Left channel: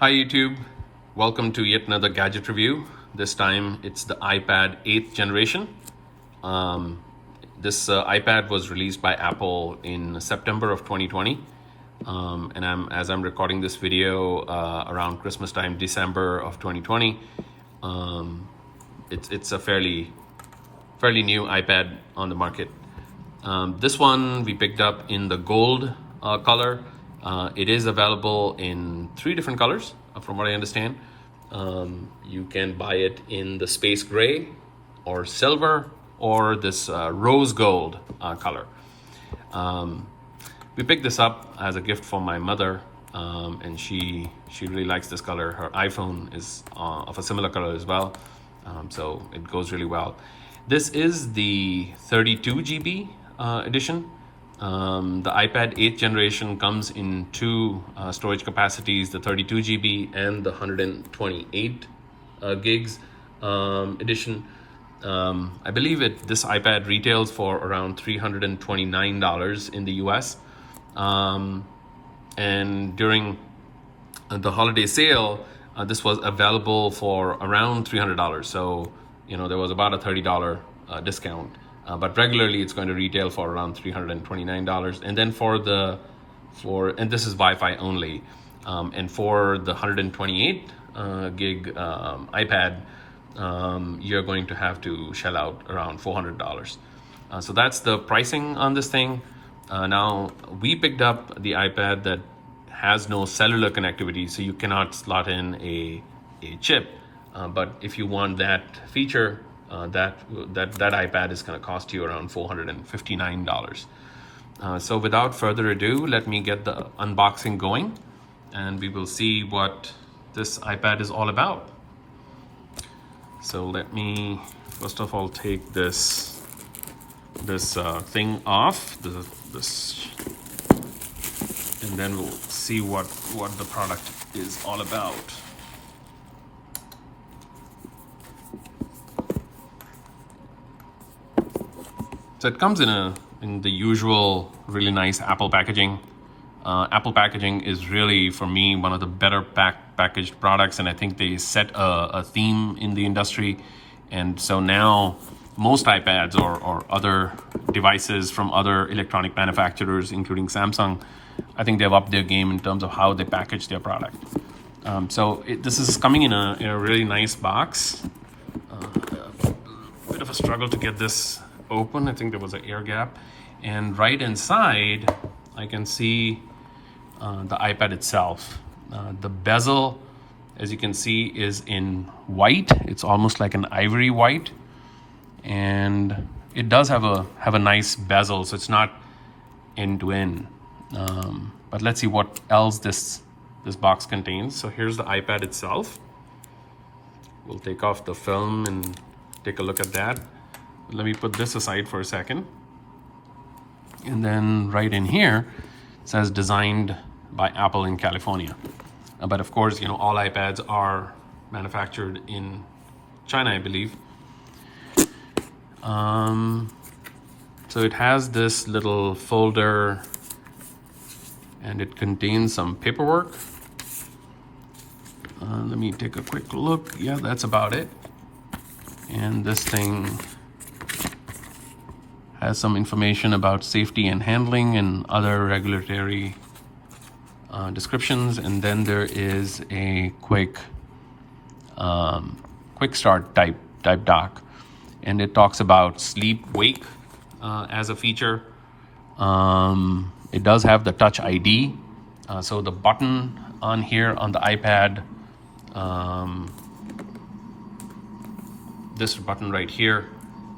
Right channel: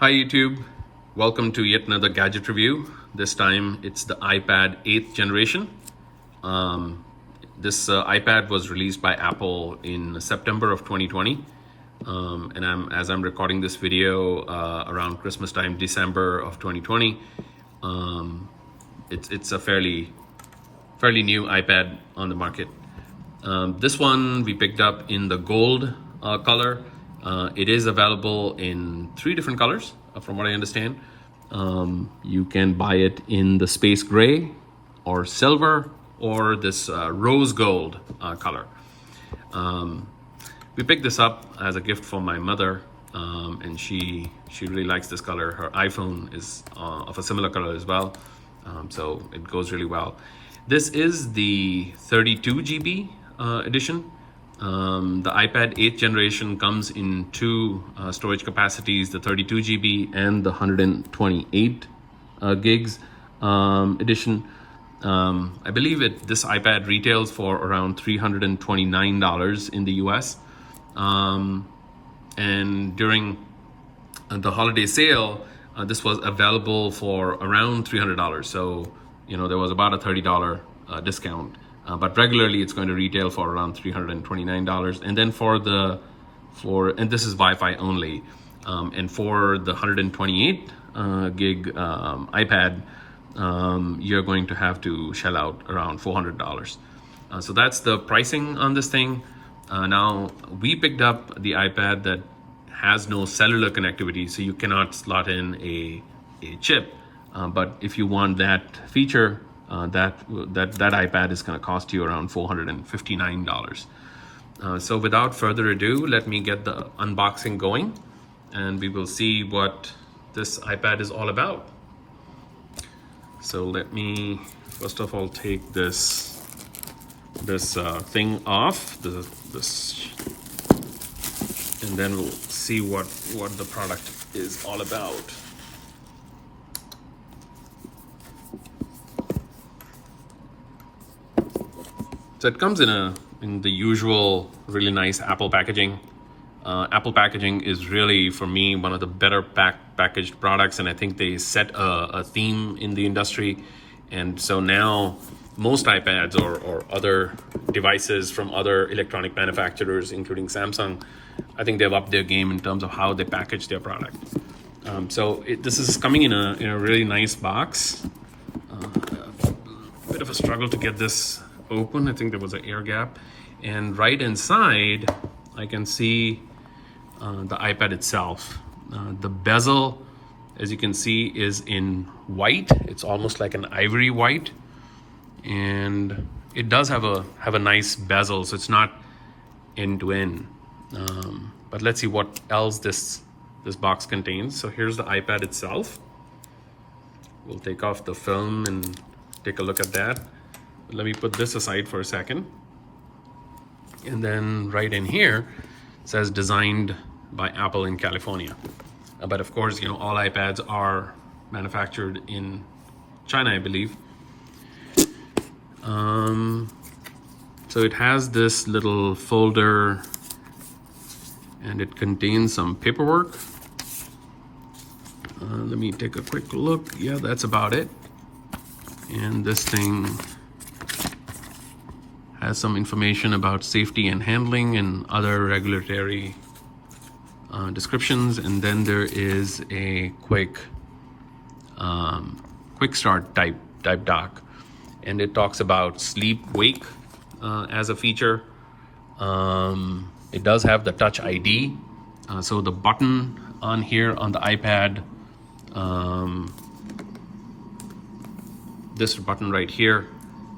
Hi YouTube, welcome to yet another gadget review. This time it's the iPad 8th generation. This iPad was released by Apple in September of 2020. And as I'm recording this video around Christmas time, December of 2020. It's a fairly new iPad on the market. This one we picked up in the gold color. It is available in 3 different colors, from what I understand. You can buy it in the space gray or silver or this rose gold color. We picked this up as a gift for my mother, and she really likes this color. Her iPhone is of a similar color as well, so it goes really well. This is the 32 GB edition. The iPad 8th generation comes in 2 storage capacities, the 32 GB and the 128 gigs edition. I believe this iPad retails for around $329 in the US. And during the holiday sale, this was available for around $300. So, there was about a $30 discount. But regularly it's going to retail for around $329. And then and this is Wi-Fi only. And for the 128 gig iPad, you're going to have to shell out around $400. So that's the pricing on this thing. Now we picked up the iPad that has no cellular connectivity, so you cannot slot in a chip. But if you want that feature, that iPad is going to cost you around $459. So without further ado, let me get the unboxing going, and we will see what this iPad is all about. So let me first of all take this thing off, this, and then we'll see what the product is all about. So it comes in the usual really nice Apple packaging. Apple packaging is really, for me, one of the better packaged products, and I think they set a theme in the industry. And so now most iPads or other devices from other electronic manufacturers, including Samsung, I think they've upped their game in terms of how they package their product. This is coming in a really nice box. A bit of a struggle to get this open. I think there was an air gap, and right inside I can see the iPad itself. The bezel, as you can see, is in white. It's almost like an ivory white, and it does have a nice bezel, so it's not end to end. But let's see what else this box contains. So here's the iPad itself. We'll take off the film and take a look at that. Let me put this aside for a second. And then right in here it says designed by Apple in California. But of course, all iPads are manufactured in China, I believe. So it has this little folder, and it contains some paperwork. Let me take a quick look. Yeah, that's about it. And this thing has some information about safety and handling and other regulatory descriptions. And then there is a quick start type doc, and it talks about sleep wake as a feature. It does have the Touch ID, so the button on here on the iPad, this button right here,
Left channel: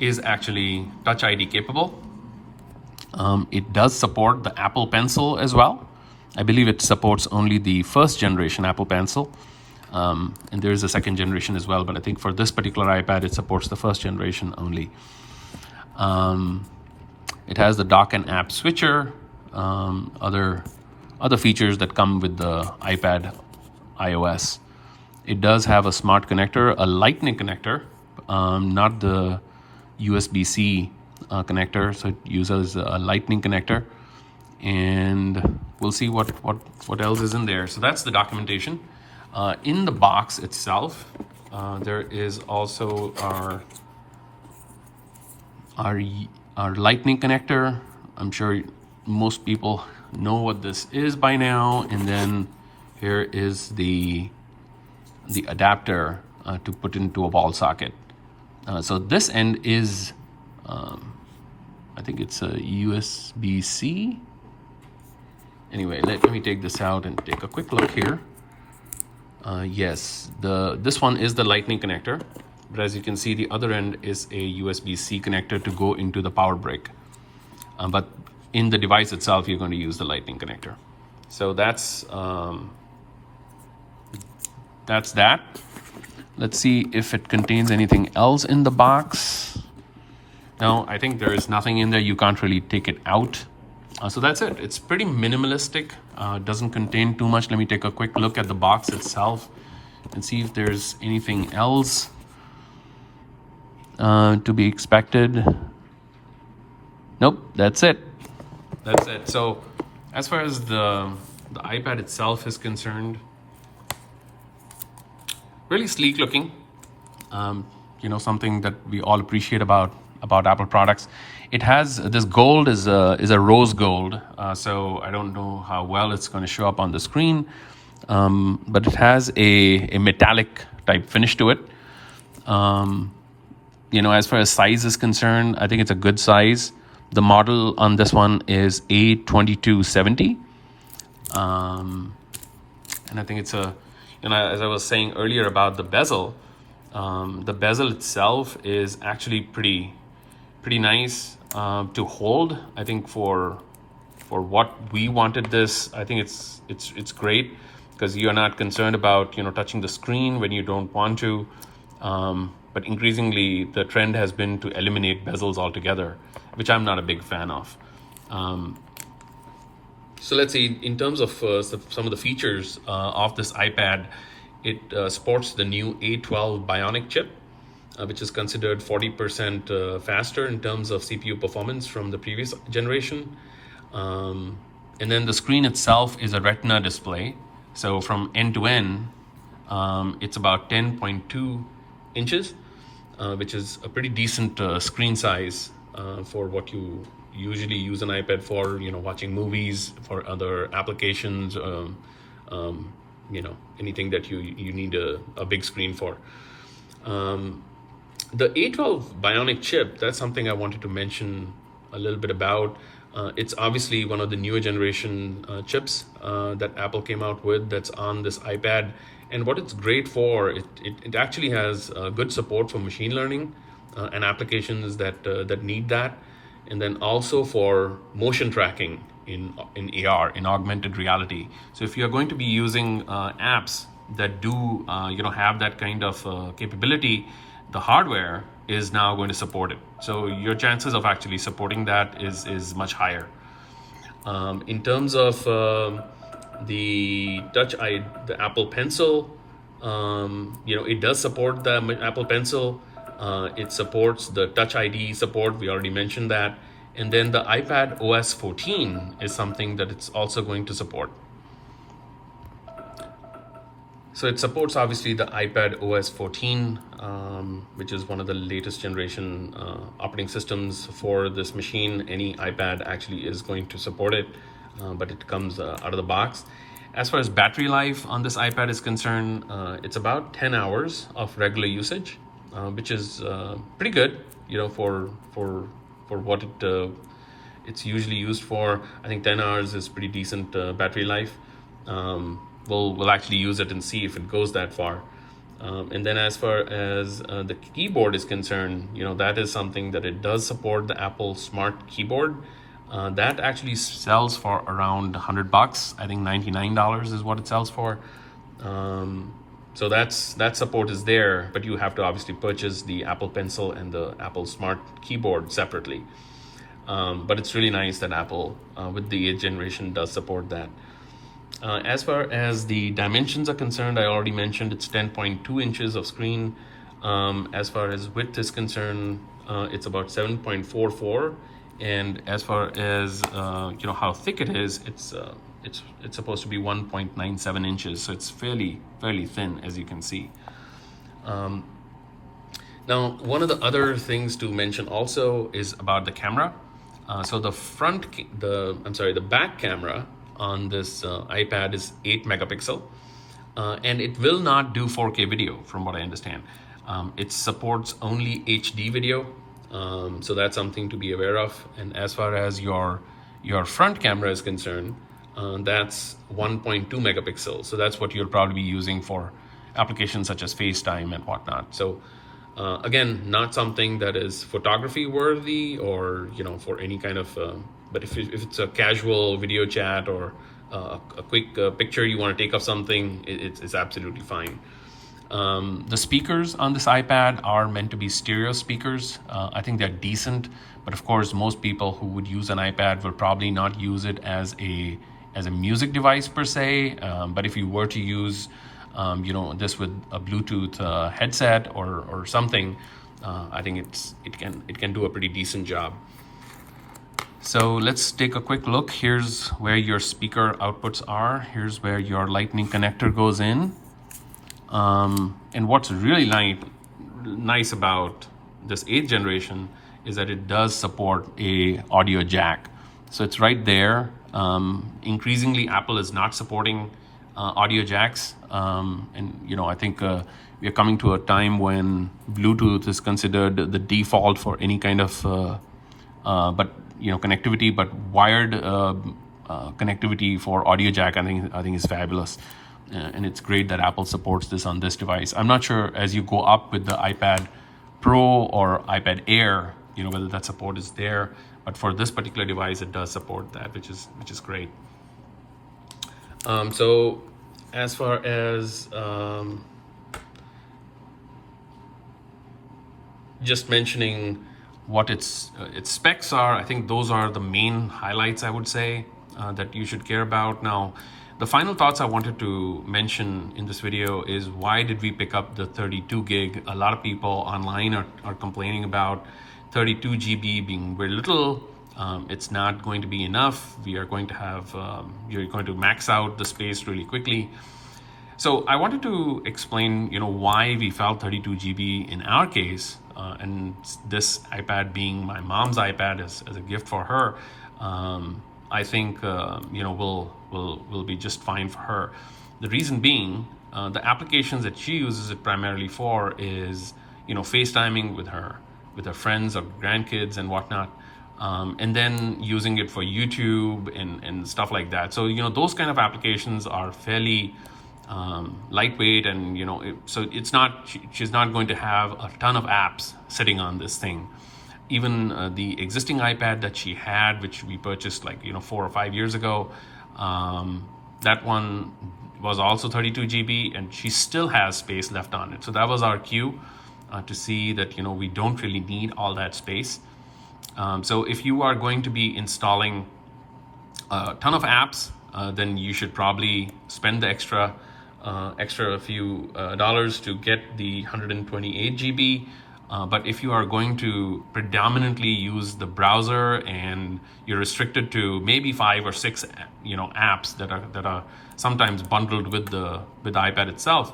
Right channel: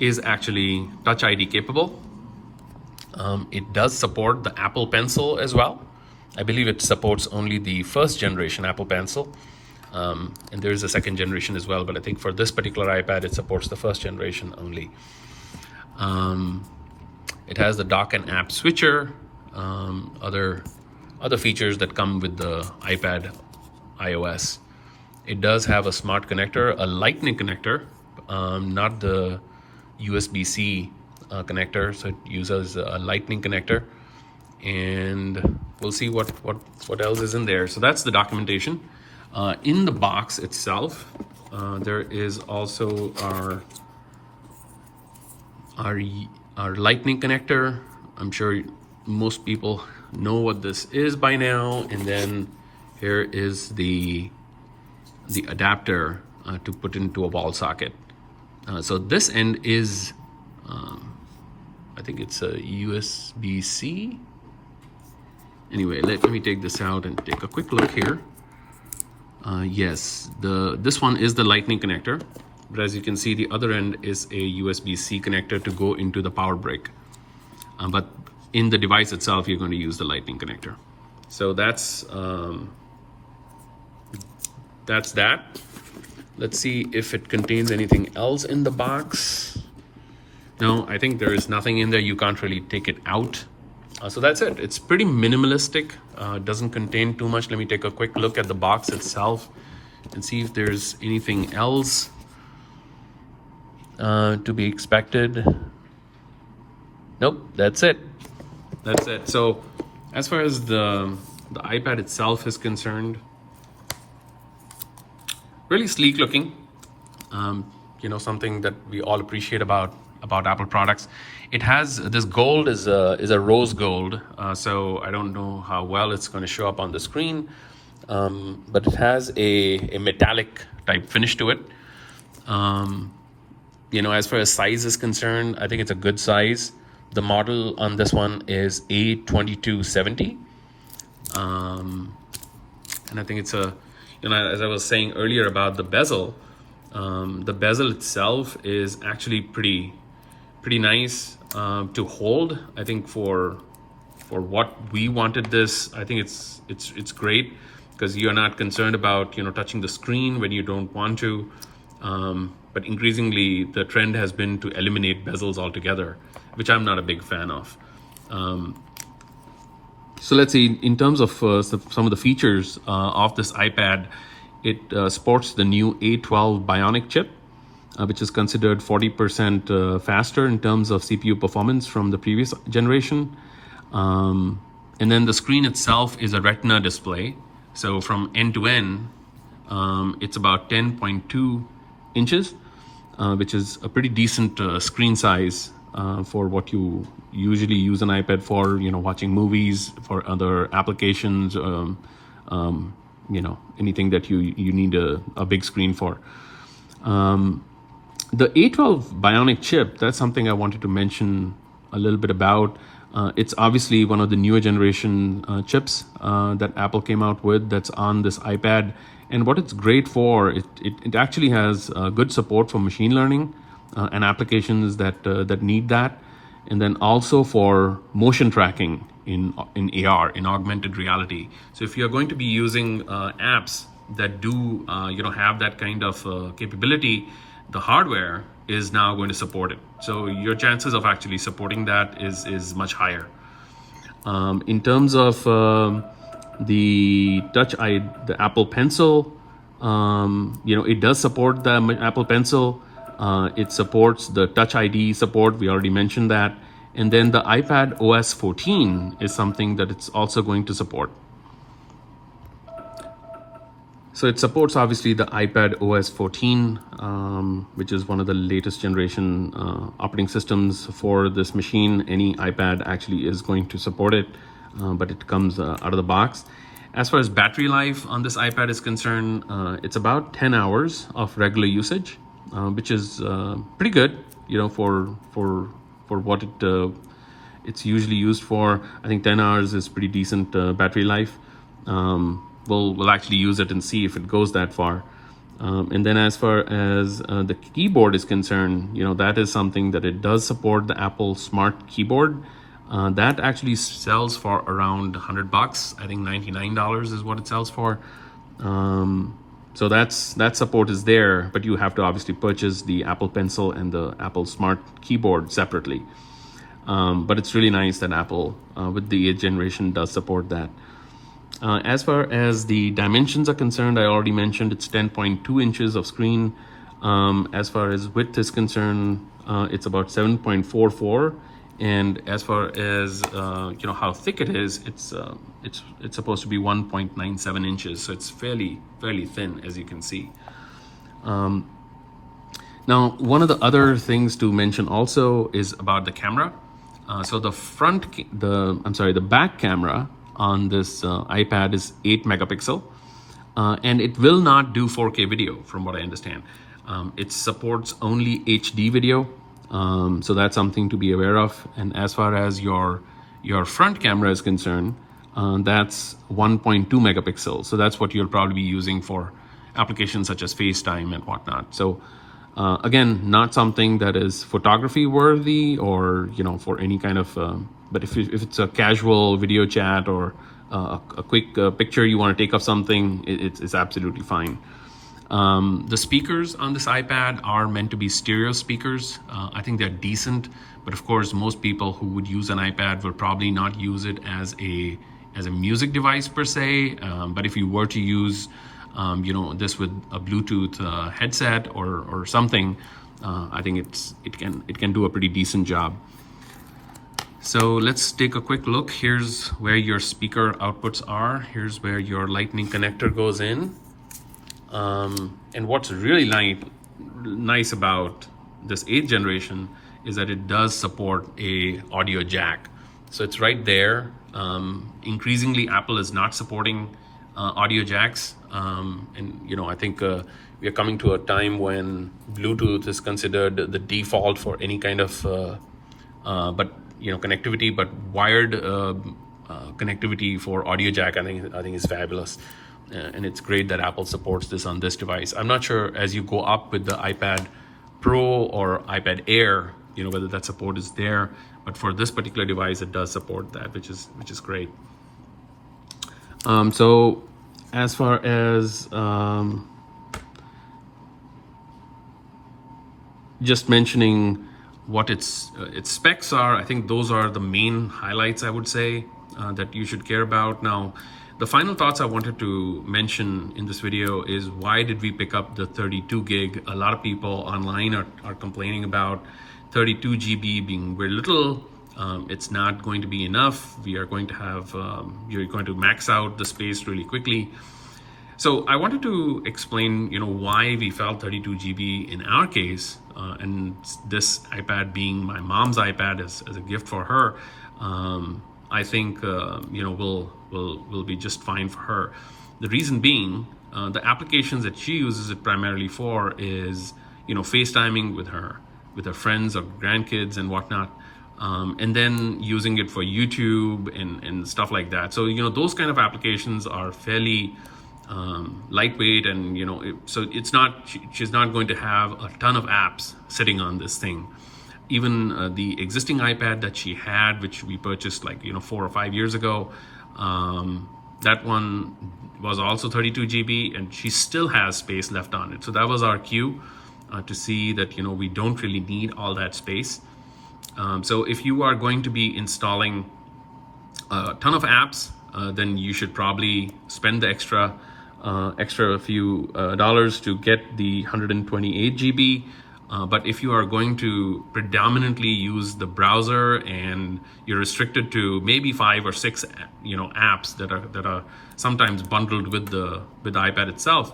is actually Touch ID capable. It does support the Apple Pencil as well. I believe it supports only the 1st generation Apple Pencil, and there is a 2nd generation as well, but I think for this particular iPad it supports the 1st generation only. It has the dock and app switcher, other features that come with the iPad iOS. It does have a smart connector, a lightning connector, not the USB-C connector, so it uses a lightning connector. And we'll see what else is in there. So that's the documentation. In the box itself, there is also our lightning connector. I'm sure most people know what this is by now. And then here is the adapter to put into a wall socket. So this end is, I think it's a USB-C. Anyway, let me take this out and take a quick look here. Yes, this one is the lightning connector, but as you can see, the other end is a USB-C connector to go into the power brick. But in the device itself, you're going to use the lightning connector. So that's that. Let's see if it contains anything else in the box. No, I think there is nothing in there. You can't really take it out. So that's it. It's pretty minimalistic. It doesn't contain too much. Let me take a quick look at the box itself and see if there's anything else to be expected. Nope, that's it. That's it. So as far as the iPad itself is concerned, really sleek looking. You know, something that we all appreciate about Apple products. It has this gold is a rose gold, so I don't know how well it's going to show up on the screen, but it has a metallic type finish to it. You know, as far as size is concerned, I think it's a good size. The model on this one is A1270, and I think it's a, you know, as I was saying earlier about the bezel itself is actually pretty nice to hold. I think for what we wanted this, I think it's great because you're not concerned about, you know, touching the screen when you don't want to. But increasingly, the trend has been to eliminate bezels altogether, which I'm not a big fan of. So let's see, in terms of some of the features of this iPad, it supports the new A12 Bionic chip, which is considered 40% faster in terms of CPU performance from the previous generation. And then the screen itself is a Retina display. So from end to end, it's about 10.2 inches, which is a pretty decent screen size for what you usually use an iPad for, you know, watching movies, for other applications, you know, anything that you need a big screen for. The A12 Bionic chip, that's something I wanted to mention a little bit about. It's obviously one of the newer generation chips that Apple came out with that's on this iPad. And what it's great for, it actually has good support for machine learning and applications that need that. And then also for motion tracking in AR, in augmented reality. So if you're going to be using apps that do you know, have that kind of capability, the hardware is now going to support it. So your chances of actually supporting that is much higher. In terms of the the Apple Pencil, you know, it does support the Apple Pencil. It supports the Touch ID support. We already mentioned that. And then the iPadOS 14 is something that it's also going to support. So it supports obviously the iPadOS 14, which is one of the latest generation operating systems for this machine. Any iPad actually is going to support it, but it comes out of the box. As far as battery life on this iPad is concerned, it's about 10 hours of regular usage, which is pretty good, you know, for what it's usually used for. I think 10 hours is pretty decent battery life. We'll actually use it and see if it goes that far. And then as far as the keyboard is concerned, you know, that is something that it does support the Apple Smart Keyboard. That actually sells for around $100. I think $99 is what it sells for. So that support is there, but you have to obviously purchase the Apple Pencil and the Apple Smart Keyboard separately. But it's really nice that Apple, with the 8th generation, does support that. As far as the dimensions are concerned, I already mentioned it's 10.2 inches of screen. As far as width is concerned, it's about 7.44. And as far as you know, how thick it is, it's it's supposed to be 1.97 inches, so it's fairly thin, as you can see. Now, one of the other things to mention also is about the camera. So the back camera on this iPad is 8 megapixel, and it will not do 4K video, from what I understand. It supports only HD video, so that's something to be aware of. And as far as your front camera is concerned, that's 1.2 megapixels. So that's what you'll probably be using for applications such as FaceTime and whatnot. So again, not something that is photography worthy, or for any kind of. But if it's a casual video chat or a quick picture you want to take of something, it's absolutely fine. The speakers on this iPad are meant to be stereo speakers. I think they're decent, but of course, most people who would use an iPad will probably not use it as a music device per se. But if you were to use this with a Bluetooth headset or something, I think it can do a pretty decent job. So let's take a quick look. Here's where your speaker outputs are. Here's where your Lightning connector goes in. And what's really nice about this 8th generation is that it does support a audio jack. So it's right there. Increasingly, Apple is not supporting audio jacks. And I think we are coming to a time when Bluetooth is considered the default for any kind of connectivity, but wired connectivity for audio jack, I think is fabulous. And it's great that Apple supports this on this device. I'm not sure as you go up with the iPad Pro or iPad Air, whether that support is there, but for this particular device, it does support that, which is great. So as far as just mentioning what its specs are, I think those are the main highlights, I would say, that you should care about. Now, the final thoughts I wanted to mention in this video is, why did we pick up the 32 gig? A lot of people online are complaining about 32 GB being very little. It's not going to be enough. We are going to have, you're going to max out the space really quickly. So I wanted to explain, why we felt 32 GB in our case, and this iPad being my mom's iPad as a gift for her. I think will be just fine for her. The reason being, the applications that she uses it primarily for is FaceTiming with her friends or grandkids and whatnot, and then using it for YouTube and stuff like that. So those kind of applications are fairly lightweight, and so it's not, she's not going to have a ton of apps sitting on this thing. Even the existing iPad that she had, which we purchased 4 or 5 years ago, that one was also 32 GB, and she still has space left on it. So that was our cue to see that we don't really need all that space. So if you are going to be installing a ton of apps, then you should probably spend the extra few dollars to get the 128 GB. But if you are going to predominantly use the browser and you're restricted to maybe 5 or 6 apps that are sometimes bundled with the iPad itself,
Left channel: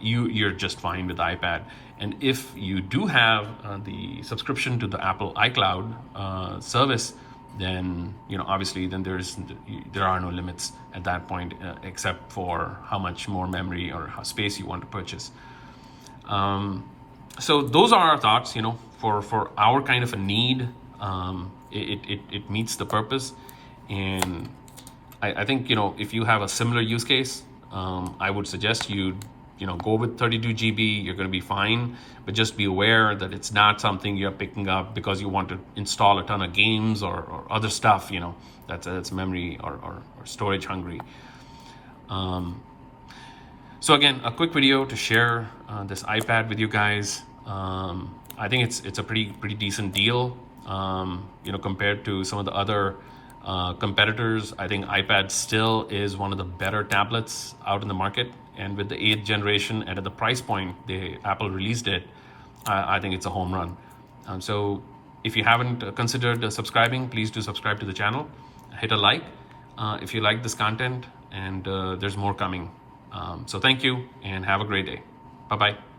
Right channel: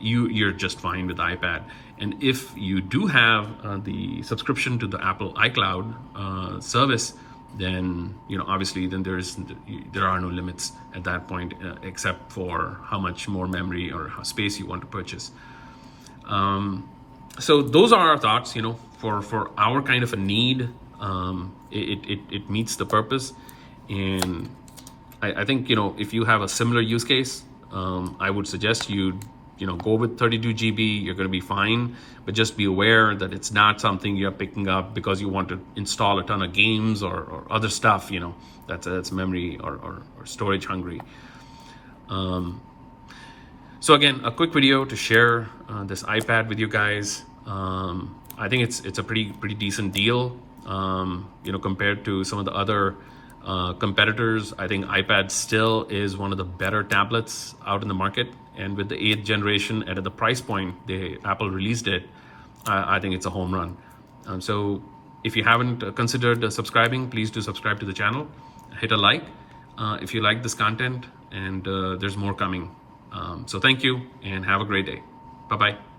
you're just fine with the iPad. And if you do have the subscription to the Apple iCloud service, then obviously then there are no limits at that point, except for how much more memory or how space you want to purchase. So those are our thoughts. For our kind of a need, it meets the purpose. And I think if you have a similar use case, I would suggest you go with 32 GB. You're going to be fine, but just be aware that it's not something you're picking up because you want to install a ton of games or other stuff that's memory or storage hungry. So again, a quick video to share this iPad with you guys. I think it's a pretty decent deal, compared to some of the other competitors. I think iPad still is one of the better tablets out in the market, and with the 8th generation at the price point Apple released it, I think it's a home run. So if you haven't considered subscribing, please do subscribe to the channel, hit a like. if you like this content, and there's more coming. So thank you and have a great day. Bye-bye.